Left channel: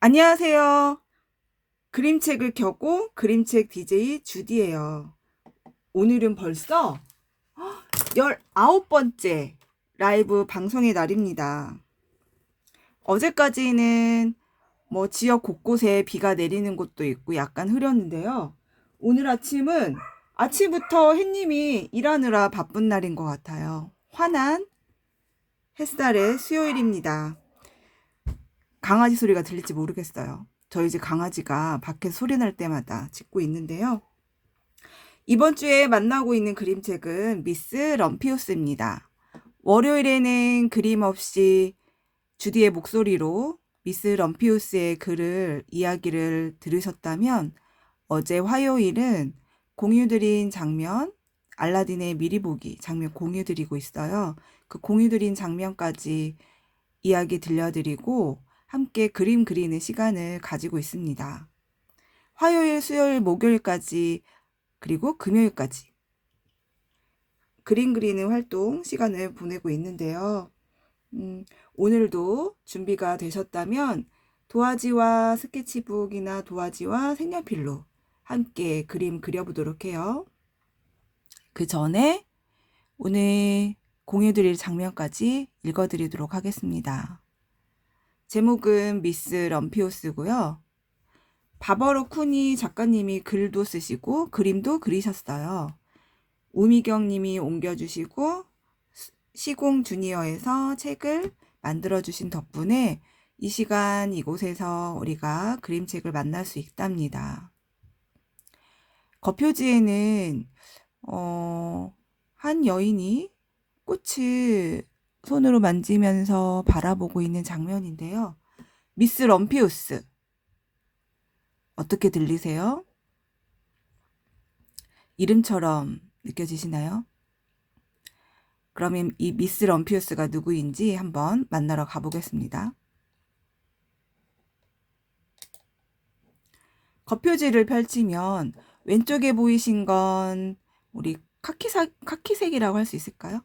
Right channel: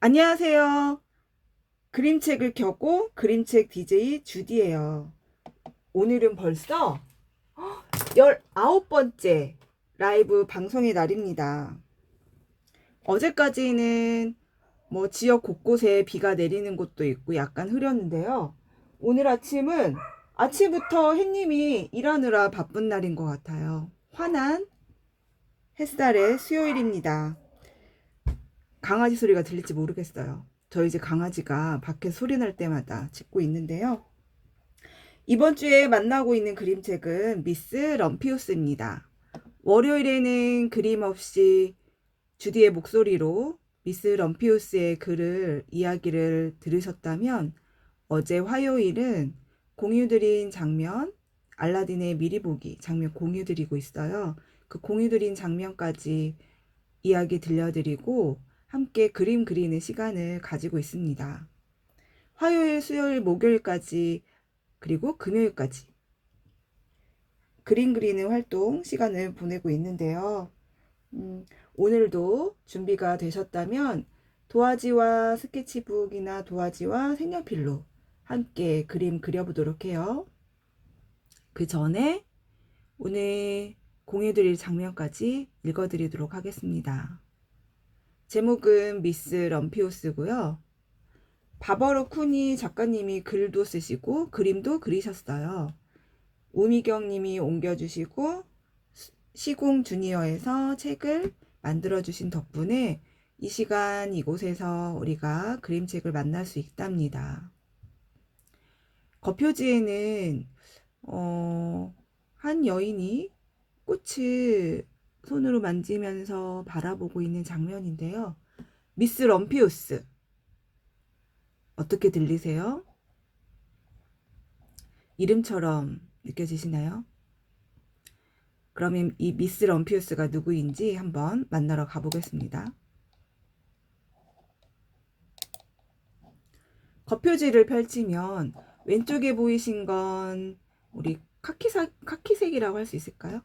안녕하세요. 그림책을 켜고 그림책 DJ 주디예요. 오늘은 벌써 19번째 라이브 방송의 날입니다. 어제까지는 지역 곳곳에 비가 내리는 곳도 있고 약간 흐렸는데요. 오늘 아침부터 햇님이 일하느라 바쁜 날인 것 같아요. 환한 햇살의 수요일입니다. 강아지 소리가 들릴지 모르겠어요. 저희 집 강아지가 밖에 소리 날 때마다 짖고 있는데요. 이번 주에 만나고 있는 그림책은 미스 럼피우스입니다. 월요일에는 그림 없이 주디의 목소리로 미스 럼피우스의 이야기를 들으셨다면, 어제 화요일은 공유드린 장면, 알라딘의 미리 보기 장면 공유드리고 있어요. 그 공유드린 장면까지 이야기 들려드리고 함께 그림 그리는 시간을 가지고 있습니다. 화요일, 수요일, 목요일까지, 그리고 금요일까지 그림 그리는 활동 시간을 보내고 있는데요. 오늘도 준비가 되셨다면 도화지와 스케치북이나 도화지와 색연필로 함께 그림 그려보도록 해요. 그 전에 오늘 공유드릴 장면까지 읽어드리도록 하겠습니다. 제목은 미스 럼피우스고요. 바버로 쿠니 작가님이 글도 쓰시고 그림도 그리셨어요. 우미경 님이 옮겨주시고 시공 주니어에서 책을 만들어주신 덕분에 이 시간 이곳에서 우리가 그림책을 만날 수 있답니다. 겉표지에는 한 여인이 꽃을 손으로 만지면서 바라보고 있는 장면인데요. 미스 럼피우스, 어떻게 들리세요? 이름처럼 느껴지시나요? 그러면 이 미스 럼피우스가 누구인지 한번 만나러 가보겠습니다. 겉표지를 펼치면 왼쪽에 보이신 건 우리 카키색이라고 할 수 있을까요?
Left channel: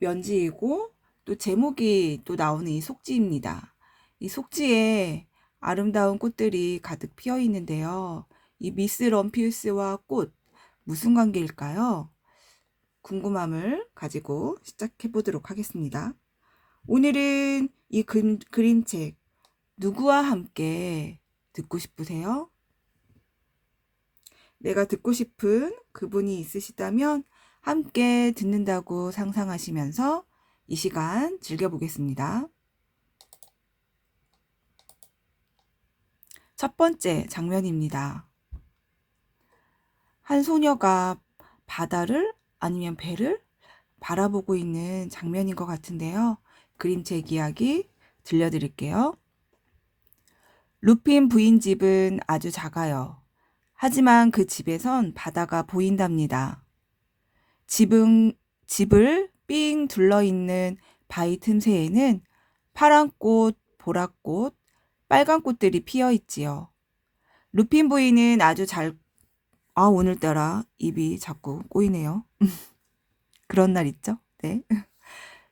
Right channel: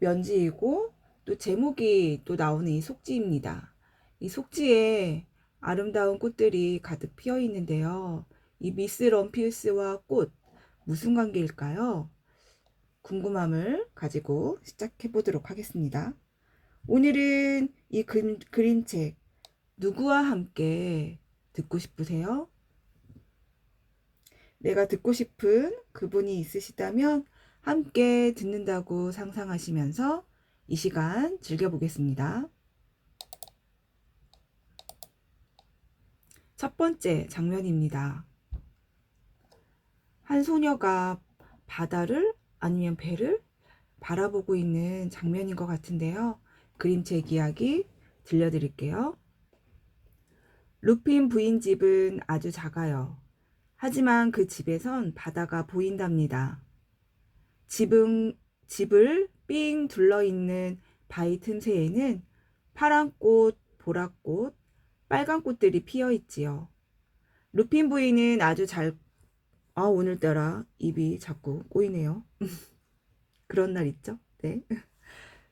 면지이고, 또 제목이 또 나오는 이 속지입니다. 이 속지에 아름다운 꽃들이 가득 피어 있는데요. 이 미스 럼피우스와 꽃, 무슨 관계일까요? 궁금함을 가지고 시작해 보도록 하겠습니다. 오늘은 이 그림책 누구와 함께 듣고 싶으세요? 내가 듣고 싶은 그분이 있으시다면 함께 듣는다고 상상하시면서 이 시간 즐겨보겠습니다. 첫 번째 장면입니다. 한 소녀가 바다를 아니면 배를 바라보고 있는 장면인 것 같은데요. 그림책 이야기 들려드릴게요. 루핀 부인 집은 아주 작아요. 하지만 그 집에선 바다가 보인답니다. 집을 삥 둘러있는 바위 틈새에는 파란 꽃, 보랏꽃, 빨간 꽃들이 피어 있지요. 루핀 부인은 오늘따라 입이 자꾸 꼬이네요. 그런 날 있죠? 네.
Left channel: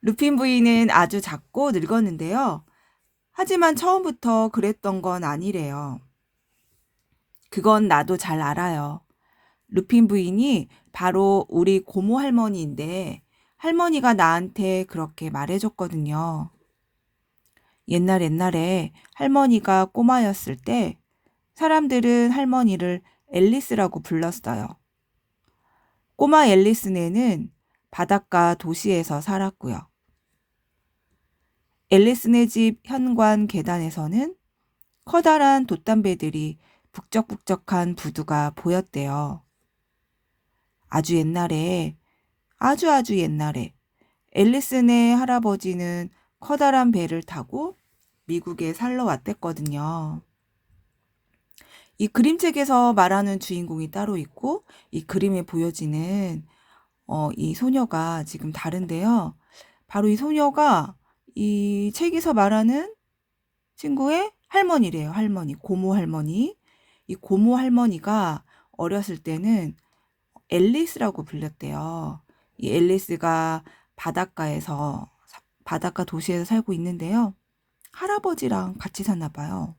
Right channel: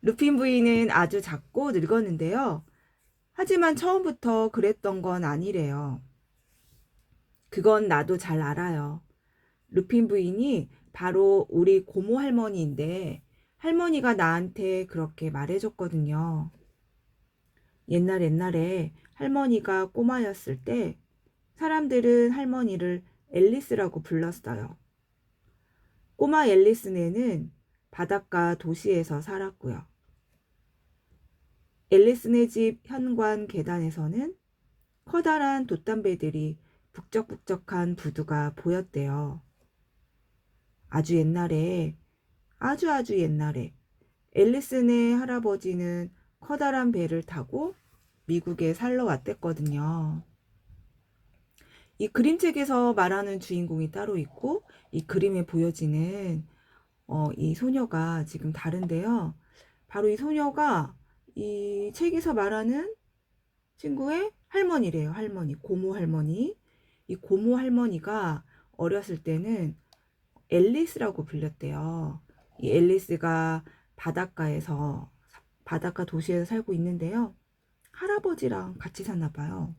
루핀 부인은 아주 작고 늙었는데요. 하지만 처음부터 그랬던 건 아니래요. 그건 나도 잘 알아요. 루핀 부인이 바로 우리 고모 할머니인데 할머니가 나한테 그렇게 말해줬거든요. 옛날에 할머니가 꼬마였을 때 사람들은 할머니를 앨리스라고 불렀어요. 꼬마 앨리스네는 바닷가 도시에서 살았고요. 앨리스네 집 현관 계단에서는 커다란 돛담배들이 북적북적한 부두가 보였대요. 아주 옛날에, 아주 옛날에 앨리스네 할아버지는 커다란 배를 타고 미국에 살러 왔댔거든요. 이 그림책에서 말하는 주인공이 따로 있고 이 그림에 보여지는 이 소녀가 지금 다른데요. 바로 이 소녀가 이 책에서 말하는 친구의 할머니래요. 할머니, 고모 할머니. 이 고모 할머니가 어렸을 때는 앨리스라고 불렸대요. 이 앨리스가 바닷가 도시에서 살고 있는데요. 할아버지랑 같이 사나 봐요.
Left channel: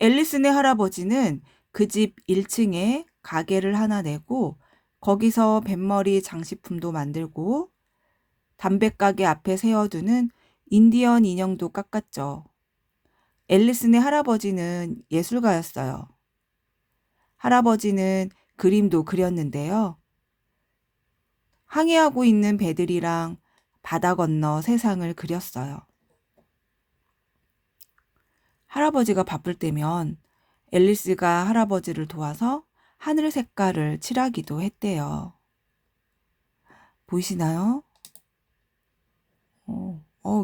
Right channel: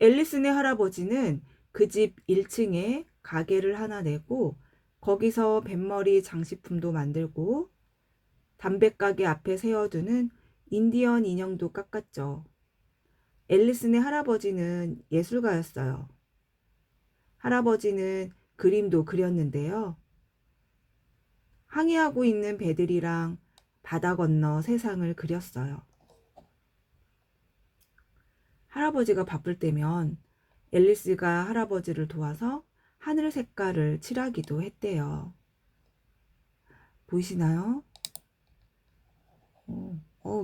앨리스네 할아버지는 그 집 1층에 가게를 하나 내고 거기서 뱃머리 장식품도 만들고 담배가게 앞에 세워두는 인디언 인형도 깎았죠. 앨리스네 할아버지는 예술가였어요. 할아버지는 그림도 그렸는데요. 항해하고 있는 배들이랑 바다 건너 세상을 그렸어요. 할아버지가 바쁠 때면 앨리스가 할아버지를 도와서 하늘 색깔을 칠하기도 했대요. 보이시나요?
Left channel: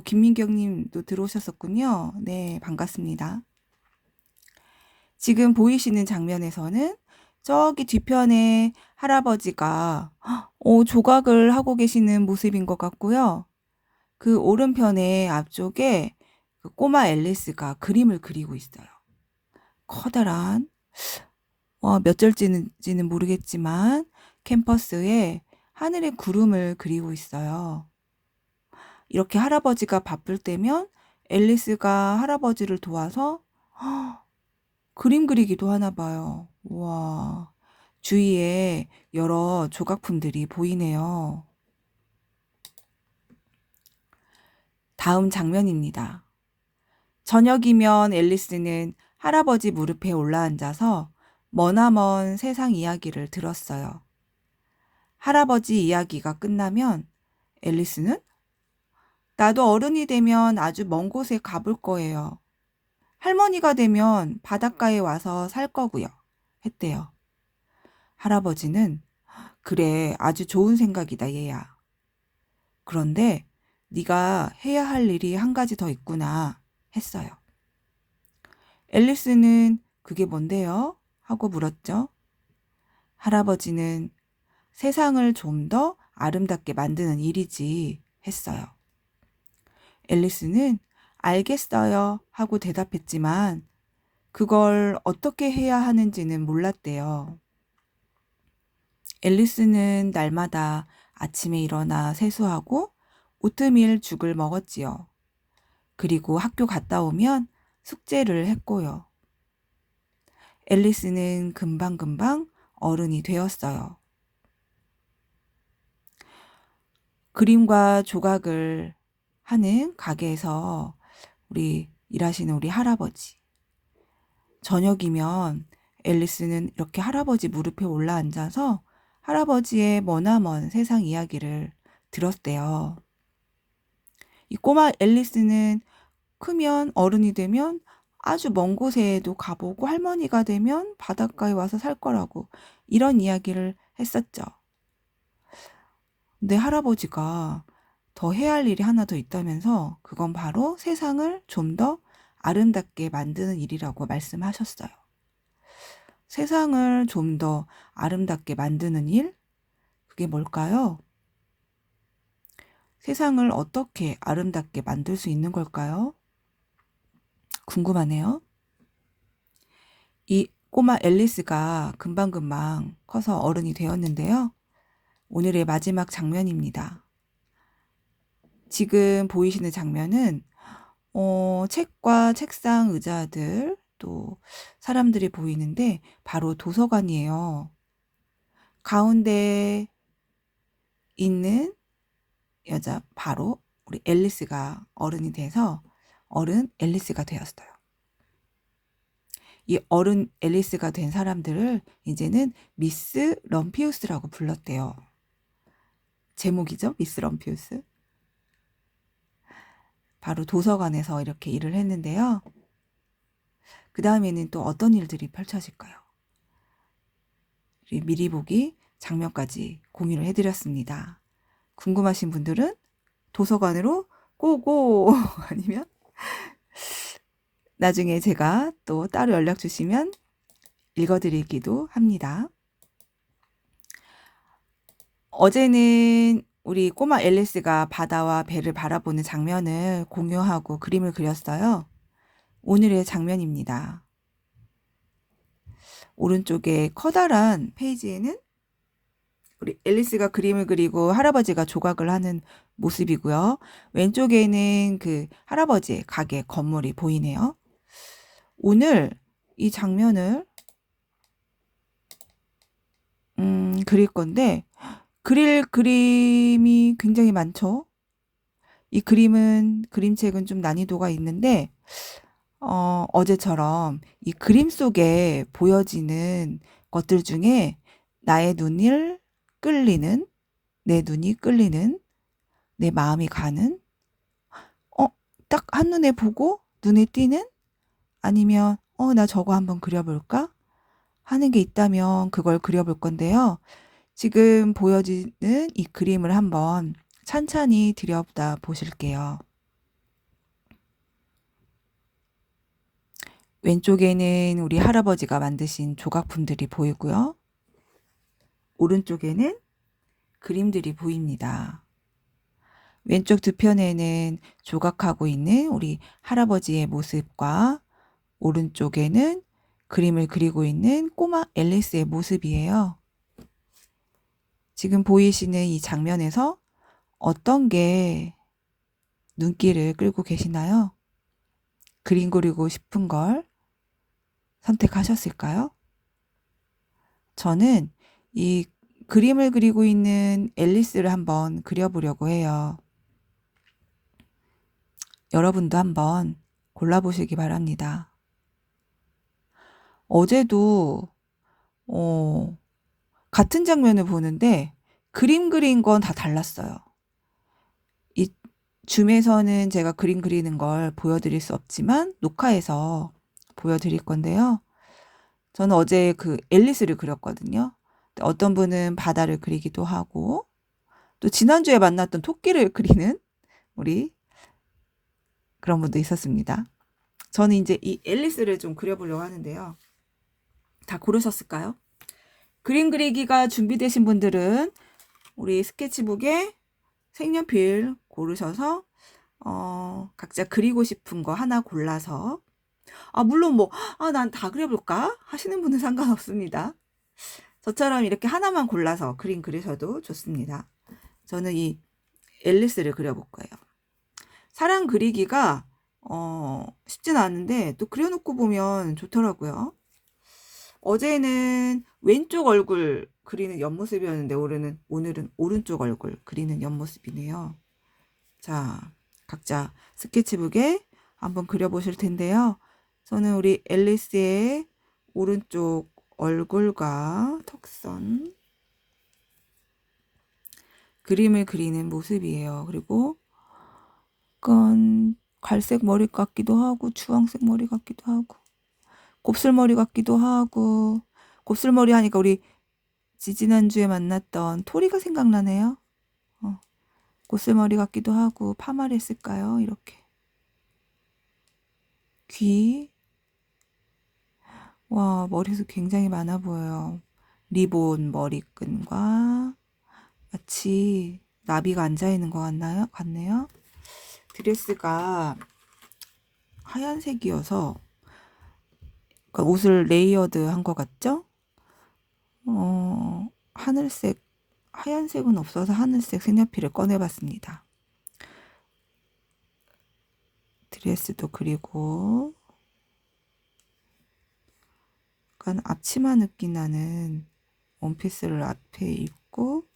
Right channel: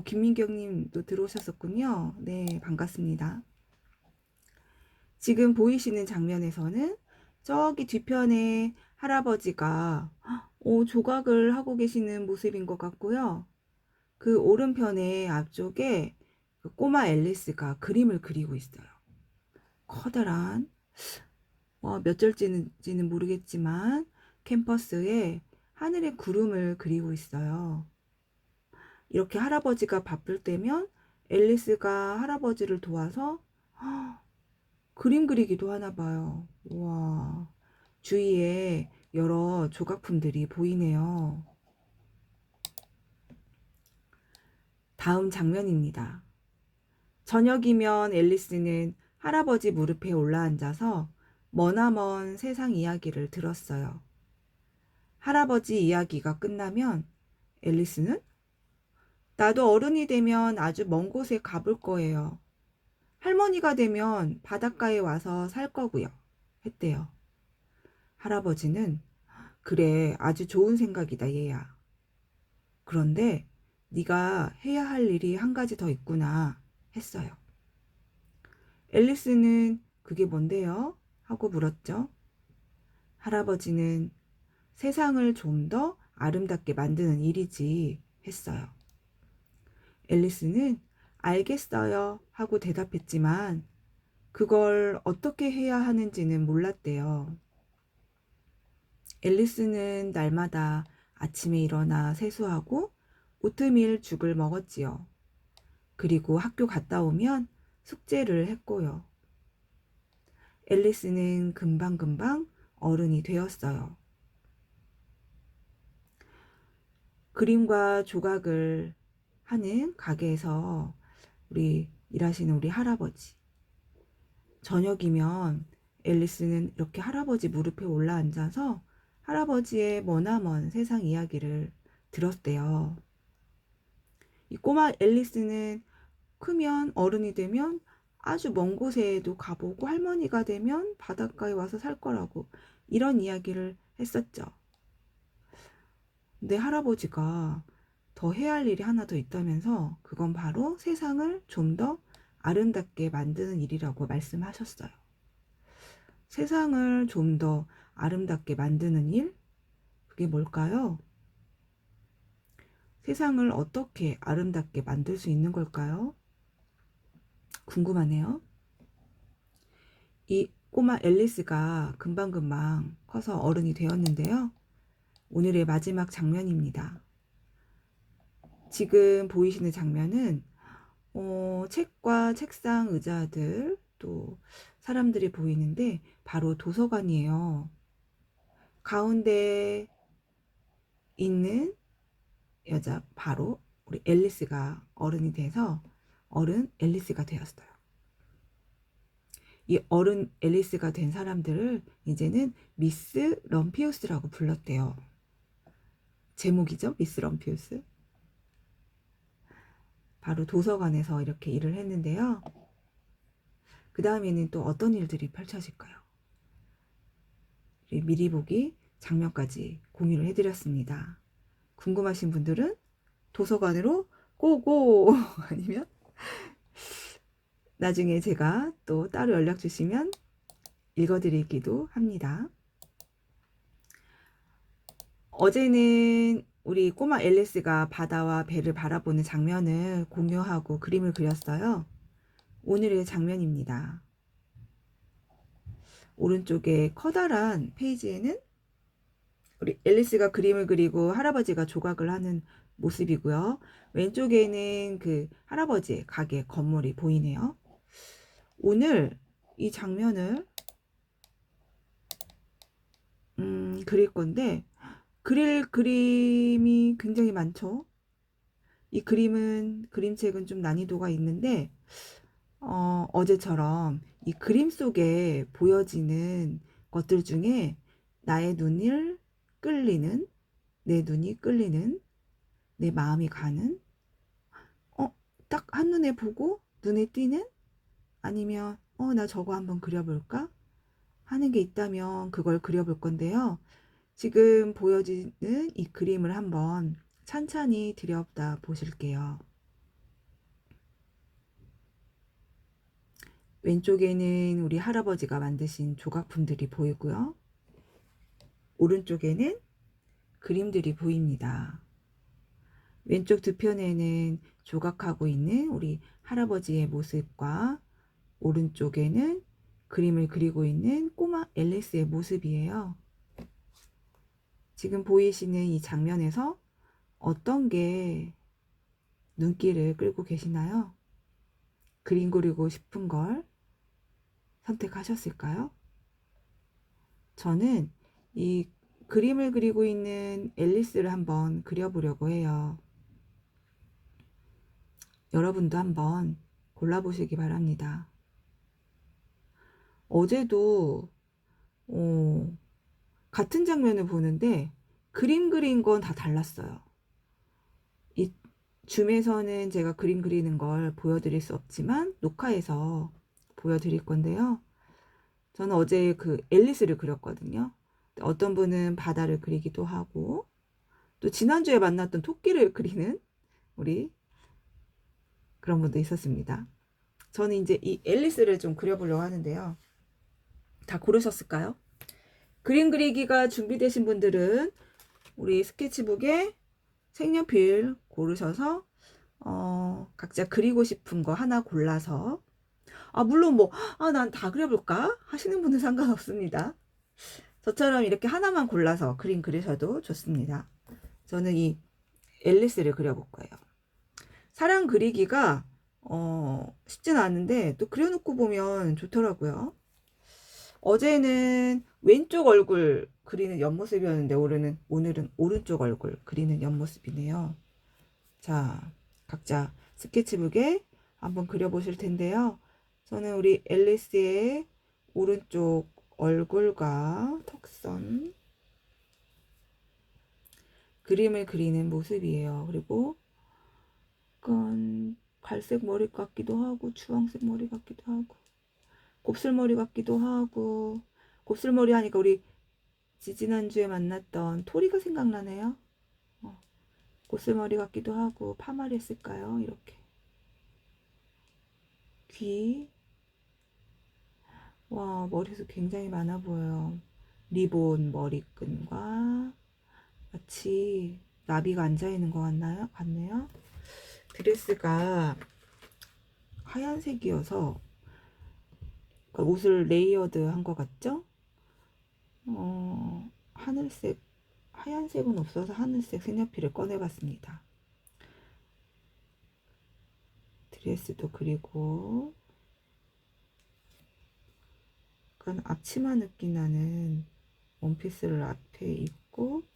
김민경님도 들어오셨었군요. 네, 반갑습니다. 지금 보이시는 장면에서는 저기 뒤편에 할아버지가 조각을 하고 계시는 모습인 것 같고요. 그 오른편에 앞쪽에 그 꼬마 앨리스가 그림을 그리고 있어요. 커다란 몇 절지는 모르겠지만 캠퍼스에 하늘의 구름을 그리고 있어요. 이렇게 할아버지가 바쁠 때면 앨리스가 할아버지를 도와서 그림 그리기도 하나 봐요. 우와, 주위에 여러 조각품들이 보이네요. 다음 장면입니다. 저녁이면 앨리스는 할아버지 무릎에 올라앉아서 머나먼 세상 이야기를 들었어요. 할아버지 이야기가 끝나면 앨리스는 나도 어른이 되면 아주 먼 곳에 가볼 거예요. 할머니가 되면 바닷가에 와서 살 거고요. 했대요. 할아버지는 그래, 아주 좋은 생각이다, 얘야. 그런데 네가 해야 할 일이 한 가지 더 있구나 했어요. 앨리스는 그게 뭔데요? 하고 물었죠. 할아버지는 세상을 좀 더 아름답게 만드는 일이지 했어요. 앨리스는 알겠어요 하고 대답했지만 그걸 어떻게 해야 하는지는 몰랐대요. 앨리스는 날마다 아침에 일어나 세수하고 오트밀 죽을 먹었지요. 그리고 학교 갔다 오면 숙제를 했고요. 앨리스는 금방금방 어른이 되었어요. 그림과 조각을 하는 가게에서 일하시는 우리 할아버지. 저녁이면 앨리스는 이렇게 할아버지 무릎에 올라앉아서 할아버지의 머나먼 세상 이야기를 들었대요. 이 꼬마 앨리스는 크면 어른이 되면 아주 먼 곳에도 가보고 할머니가 되면 바닷가에 와서 살 거라고 이런 이야기를 했었죠. 근데 할아버지가 더 해야 할 일이 하나 더 있다면서 그건 바로 세상을 좀 더 아름답게 만드는 일이라고 말씀하셨어요. 세상을 좀 더 아름답게 만드는 일? 그게 뭘까요? 세상을 어떻게 아름답게 만들 수 있는 걸까요? 궁금하네요. 이 꼬마 앨리스가 금방금방 커서 어른이 되었는데요. 오늘의 마지막 장면입니다. 지금 보이시는 장면은 책과 책상, 의자들 또 사람들이 보이는데 바로 도서관이에요. 가운데 있는 여자 바로 우리 앨리스가 어른이 돼서 어른 앨리스가 되었어요. 이 어른 앨리스가 된 사람들을 이제는 미스 럼피우스라고 불렀대요. 제목이죠, 미스 럼피우스. 바로 도서관에서 이렇게 일을 했는데요. 그 다음에는 또 어떤 일들이 펼쳐질까요? 미리 보기 장면까지 공유를 해드렸습니다. 궁금하신 분들은 도서관으로 고고 아니면 나중에 제가 또 따로 연락 주시면 읽어드리기도 합니다. 어제는 우리 꼬마 앨리스가 바다와 배를 바라보는 장면을 공유하고 그림을 그렸어요. 오늘의 장면입니다. 오른쪽에 커다란 페이지에는 우리 앨리스가 그림을 그리고 할아버지가 조각을 하는 모습이고요. 왼쪽에는 그 할아버지의 가게 건물이 보이네요. 오늘 이 장면을 그릴 건데 그릴 그림이 굉장히 많죠. 이 그림책은 좀 난이도가 있는데 어제처럼 이 그림 속에 보여지는 것들 중에 나의 눈을 끌리는, 내 눈이 끌리는, 내 마음이 가는, 딱 한눈에 보고 눈에 띄는, 아니면 나 저거 한번 그려볼까 하는 게 있다면 그걸 그려볼 건데요. 지금 보여지는 이 그림을 한번 찬찬히 들여다 보실게요. 왼쪽에는 우리 할아버지가 만드신 조각품들이 보이고요. 오른쪽에는 그림들이 보입니다. 왼쪽 두 편에는 조각하고 있는 우리 할아버지의 모습과 오른쪽에는 그림을 그리고 있는 꼬마 앨리스의 모습이에요. 지금 보이시는 이 장면에서 어떤 게 눈길을 끌고 계시나요? 그림 그리고 싶은 걸 선택하셨을까요? 저는 이 그림을 그리고 있는 앨리스를 한번 그려보려고 해요. 여러분도 한번 골라보시기 바랍니다. 어제도 같은 장면을 보는데 그림 그린 건 다 달랐어요. 이 줌에서는 제가 그림 그리는 걸 보여드릴 수 없지만 녹화해서 보여드릴 건데요. 저는 어제 그 앨리스를 그렸거든요. 어떤 분은 바다를 그리기도 하고 또 지난주에 만났던 토끼를 그리는 우리 그런 분도 있었습니다. 저는 이제 이 앨리스를 좀 그려보려고 하는데요. 다 고르셨을까요? 그림 그리기가 준비되신 분들은 우리 스케치북에 색연필 고르셔서 각자 그리고 싶은 거 하나 골라서 물론 난 다 그려볼까 하시는 분은 상관없습니다. 저처럼 이렇게 하나만 골라서 그림 그리셔도 좋습니다. 저는 이 앨리스를 그려볼 거예요. 사람 그리기가 쉽진 않은데 또 그려놓고 보면 좋더라고요. 어제는 왼쪽 얼굴 그리는 옆모습이었는데 오늘은 오른쪽 얼굴 그리는 옆모습이네요. 자, 각자 스케치북에 한번 그려보실 텐데요. 저는 우리 앨리스의 오른쪽 얼굴과 턱선 그림을 그리는 모습이에요. 그리고 약간 갈색 머리 같기도 하고 주황색 머리 같기도 하고 곱슬머리 같기도 하고 곱슬머리 하니까 우리 지지난주에 만났던 토리가 생각나네요. 곱슬머리 같기도 하고 파마를 했을까요? 이렇게 귀, 와 머리숱 굉장히 많아 보여요. 리본 머리끈과 마치 나비가 앉아있는 것 같네요. 드레스가 하얀색이어서 그러니까 옷을 레이어드 한 것 같죠? 하늘색, 하얀색은 없어서 하늘색 색연필을 꺼내봤습니다. 드레스도 그리고 약간 앞치마 느낌 나는 원피스를 앞에 입고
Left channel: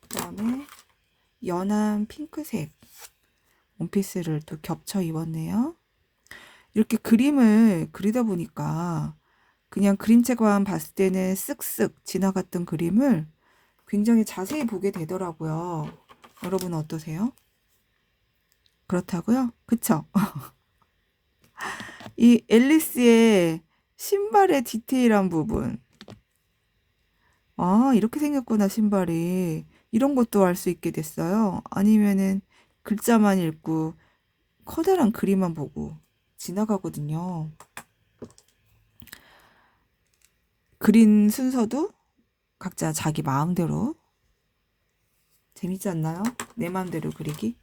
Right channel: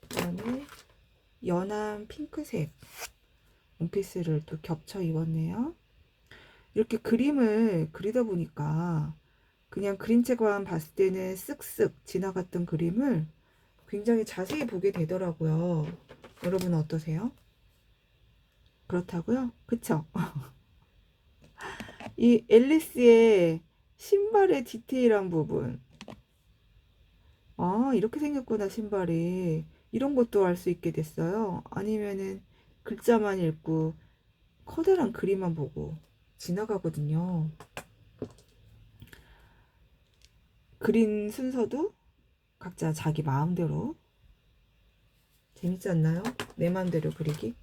그다음에 연한 핑크색 원피스를 또 겹쳐 입었네요. 이렇게 그림을 그리다 보니까 그냥 그림책만 봤을 때는 쓱쓱 지나갔던 그림을 굉장히 자세히 보게 되더라고요. 여러분은 어떠세요? 그렇다고요? 그쵸? 이 앨리스의 신발의 디테일한 부분. 이렇게 생겼구나, 신발이. 이런 것도 알 수 있게 됐어요. 아니면은 글자만 읽고 커다란 그림만 보고 지나가거든요. 그린 순서도 각자 자기 마음대로 재밌지 않나요? 내 마음대로 그리기.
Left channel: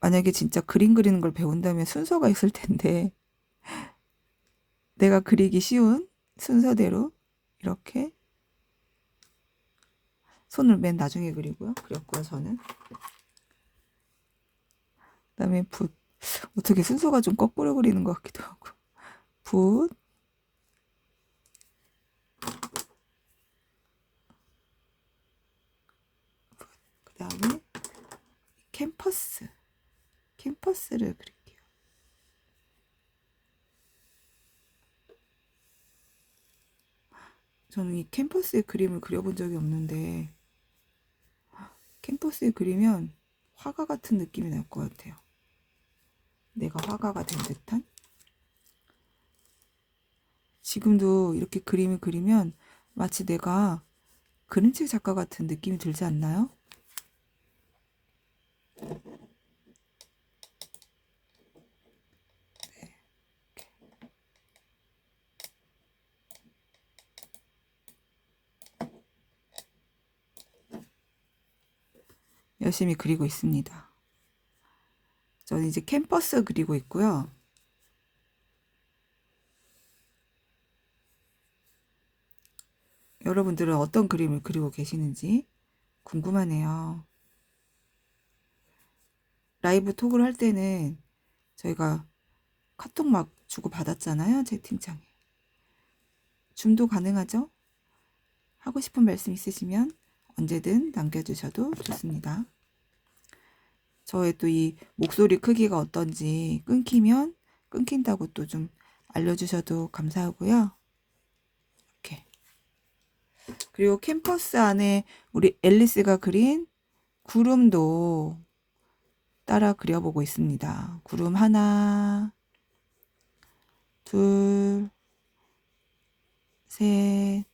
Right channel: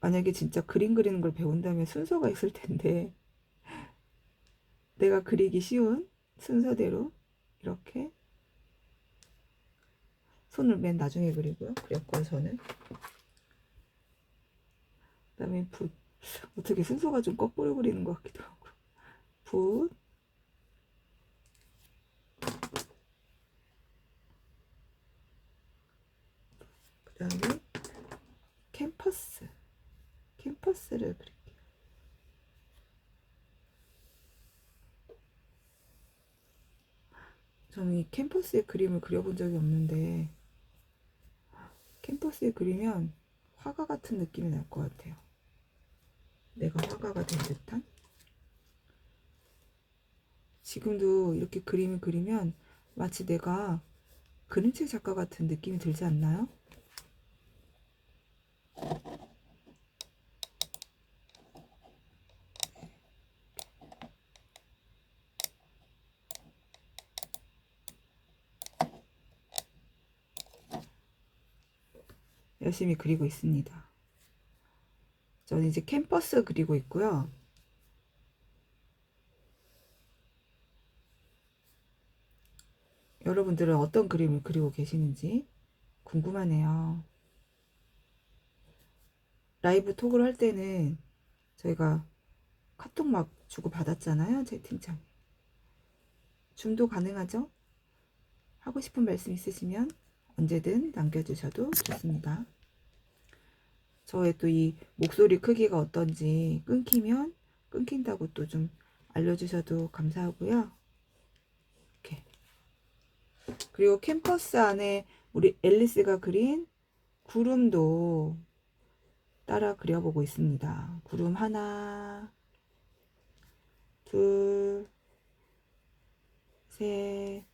만약에 진짜 그림 그리는 걸 배운다면 순서가 있을 텐데 내가 그리기 쉬운 순서대로 이렇게 손을 맨 나중에 그렸고요, 저는. 그다음에 붓. 어떻게 순서가 좀 거꾸로 그리는 것 같기도 하고. 붓. 그다음에 캠퍼스를 그릴게요. 저는 이 캠퍼스에 그림을 그려본 적이 없는데 캠퍼스에 그리면 화가 같은 느낌이 날 것 같아요. 내가 화가가 된 듯한. 지금도 이렇게 그림을 그리면 마치 내가 그림책 작가 같은 느낌이 들지 않나요? 열심히 그리고 있습니다. 저는 이제 캠퍼스 그리고 있고요. 여러분들은 어떤 그림을 그리고 계시는지 궁금하네요. 라이브 톡을 할 때는 저희가 카톡 막 주고 받았잖아요. 채팅창에. 줌도 가능하죠? 하고 싶은 말씀 있으시면 언제든 남겨주셔도 좋습니다. 저의 또 이 목소리 크기가 어떤지 끊기면 끊긴다고 또 좀 알려주셔도 감사하고요. 이렇게. 그리고 캠퍼스 안에 우리 앨리스가 그린 구름도 따라 그려보고 있습니다. 구름 하나, 둘, 셋,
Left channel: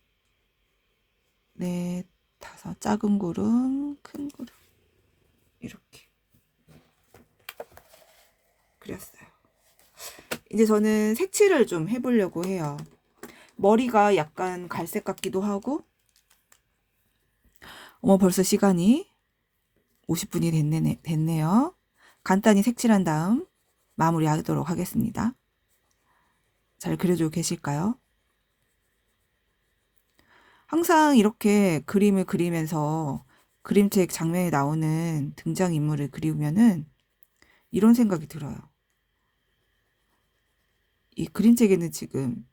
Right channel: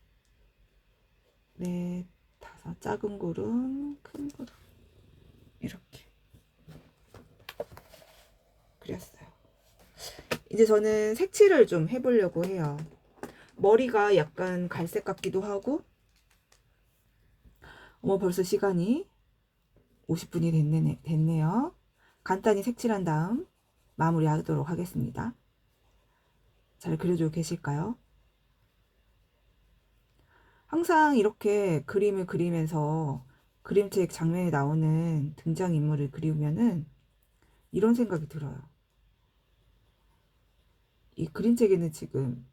넷, 다섯. 작은 구름, 큰 구름. 이렇게 그렸어요. 이제 저는 색칠을 좀 해보려고 해요. 머리가 약간 갈색 같기도 하고. 벌써 시간이 50분이 됐네요. 간단히 색칠한 다음 마무리하도록 하겠습니다. 잘 그려주고 계실까요? 항상 이렇게 그림을 그리면서 그림책 장면에 나오는 등장인물을 그리면은 이런 생각이 들어요. 이 그림책에는 지금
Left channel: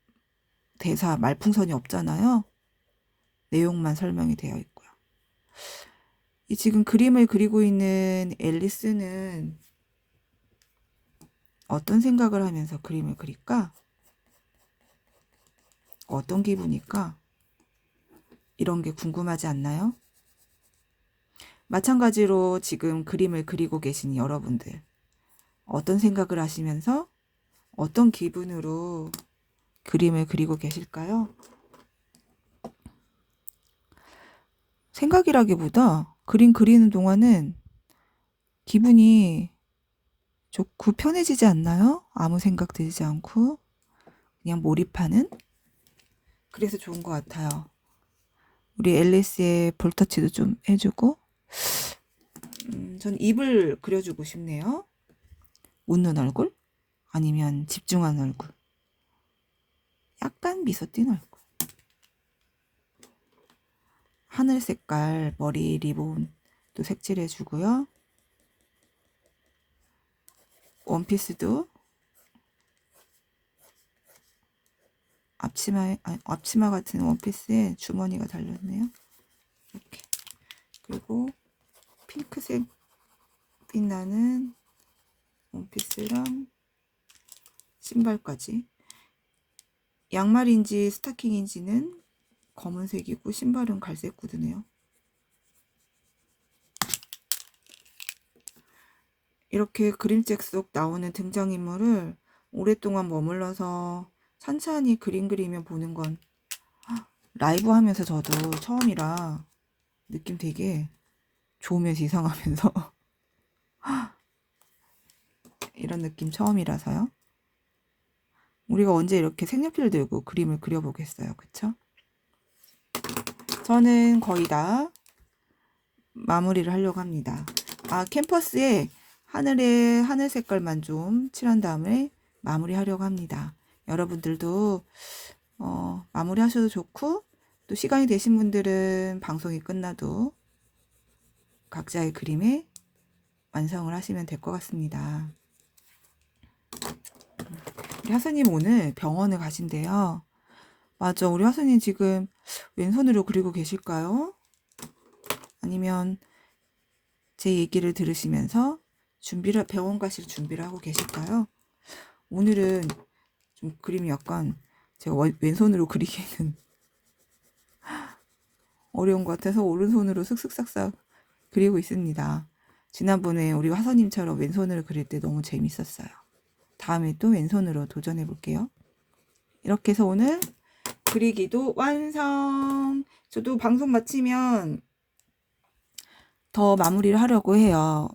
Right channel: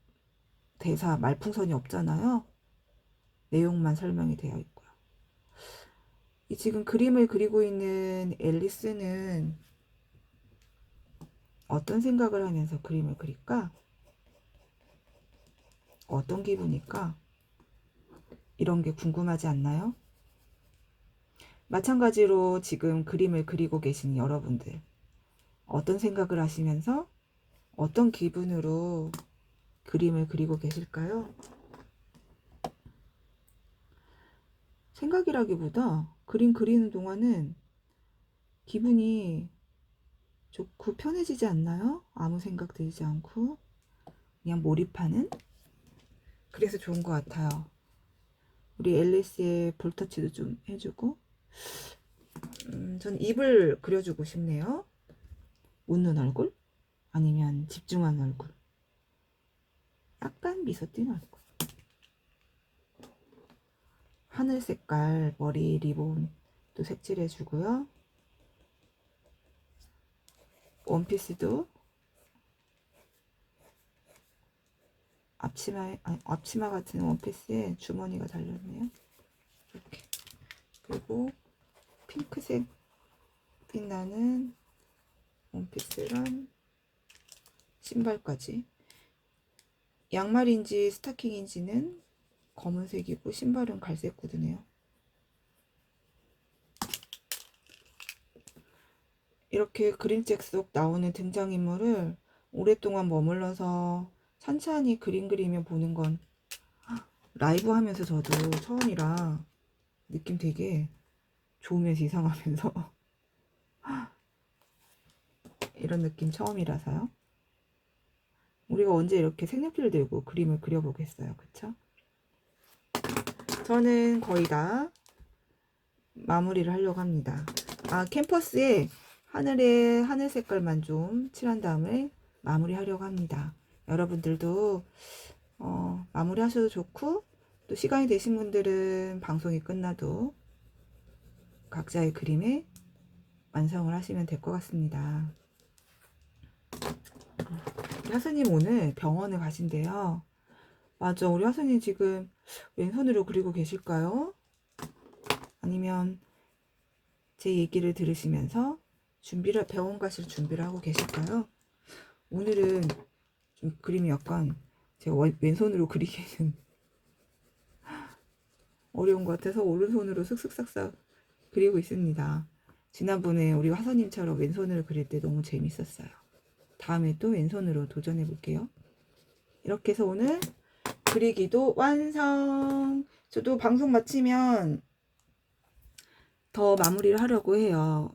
대사 말풍선이 없잖아요. 내용만 설명이 되어 있고요. 이 지금 그림을 그리고 있는 앨리스는 어떤 생각을 하면서 그림을 그릴까? 어떤 기분일까? 이런 게 궁금하지 않나요? 마찬가지로 지금 그림을 그리고 계신 여러분들, 어떤 생각을 하시면서 어떤 기분으로 그림을 그리고 계실까요? 생각이라기보다 그림 그리는 동안은 기분이 좋고 편해지지 않나요? 아무 생각 들지 않고 그냥 몰입하는? 그래서 좋은 것 같아요. 우리 앨리스의 볼터치도 좀 해주고. 전 입을 그려주고 싶네요. 웃는 얼굴? 아니면 집중한 얼굴? 약간 미소 띈 얼굴. 하늘 색깔 머리 리본도 색칠해 주고요. 원피스도 앞치마 같은 원피스에 주머니가 달렸네요. 이렇게. 그리고 핑크색 빛나는 원피스랑 신발까지. 양말인지 스타킹인지는 검은색이고 신발은 갈색 구두네요. 이렇게 그림책 속 나오는 등장인물을 오랫동안 머물러서 천천히 그림 그리며 보는 건 라이브 하면서 저도 처음이라 느낌 되게 좋으면서 이상하면서 이런 느낌 처음이라서요. 우리가 언제 이렇게 색연필 들고 그림을 그려보겠어요. 그쵸? 저는 거의 다 마무리를 하려고 합니다. 캠퍼스에 하늘 색깔만 좀 칠한 다음에 마무리 하려고 합니다. 여러분들도 마무리 하셔도 좋고 또 시간이 되신 분들은 방송이 끝나도 각자의 그림에 완성을 하시면 될 것 같습니다. 우리 하수님 오늘 병원에 가신대요. 맞아, 우리 하수님 지금 왼손으로 그리고 계실까요? 아니면 제 얘기를 들으시면서 병원 가실 준비를 하고 계실까요? 오늘은 좀 그림이 약간 제가 왼손으로 그리기에는 어려운 것 같아서 오른손으로 슥슥싹싹 그리고 있습니다. 지난번에 우리 화서님처럼 왼손으로 그릴 때 너무 재밌었어요. 다음에 또 왼손으로 도전해 볼게요. 이렇게 해서 오늘 그리기도 완성! 저도 방송 마치면 더 마무리를 하려고 해요.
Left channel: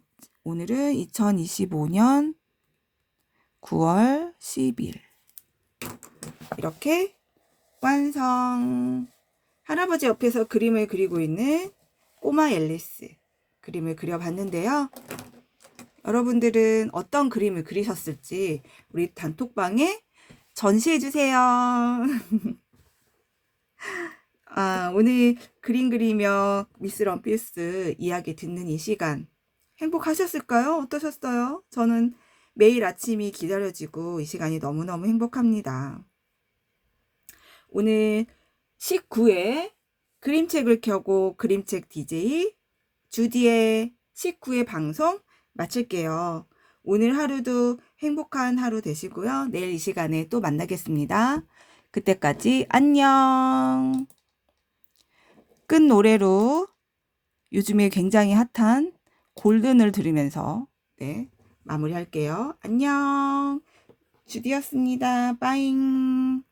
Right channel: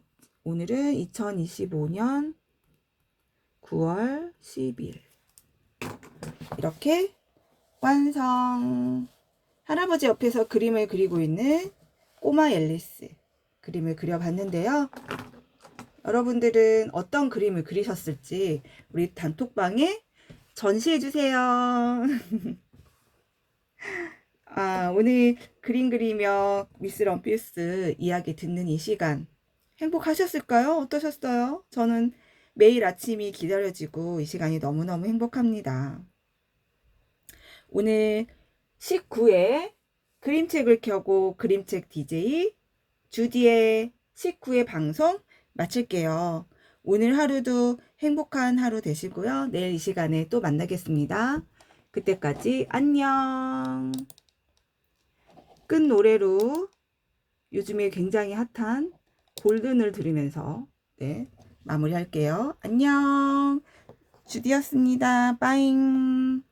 오늘은 2025년 9월 10일. 이렇게 완성! 할아버지 옆에서 그림을 그리고 있는 꼬마 앨리스 그림을 그려봤는데요. 여러분들은 어떤 그림을 그리셨을지 우리 단톡방에 전시해주세요. 오늘 그림 그리며 미스 럼필스 이야기 듣는 이 시간 행복하셨을까요? 어떠셨어요? 저는 매일 아침이 기다려지고 이 시간이 너무너무 행복합니다. 오늘 19회 그림책을 켜고 그림책 DJ 주디의 19회 방송 마칠게요. 오늘 하루도 행복한 하루 되시고요. 내일 이 시간에 또 만나겠습니다. 그때까지 안녕. 끝 노래로 요즘에 굉장히 핫한 골든을 들으면서 마무리할게요. 안녕. 주디였습니다. 빠잉.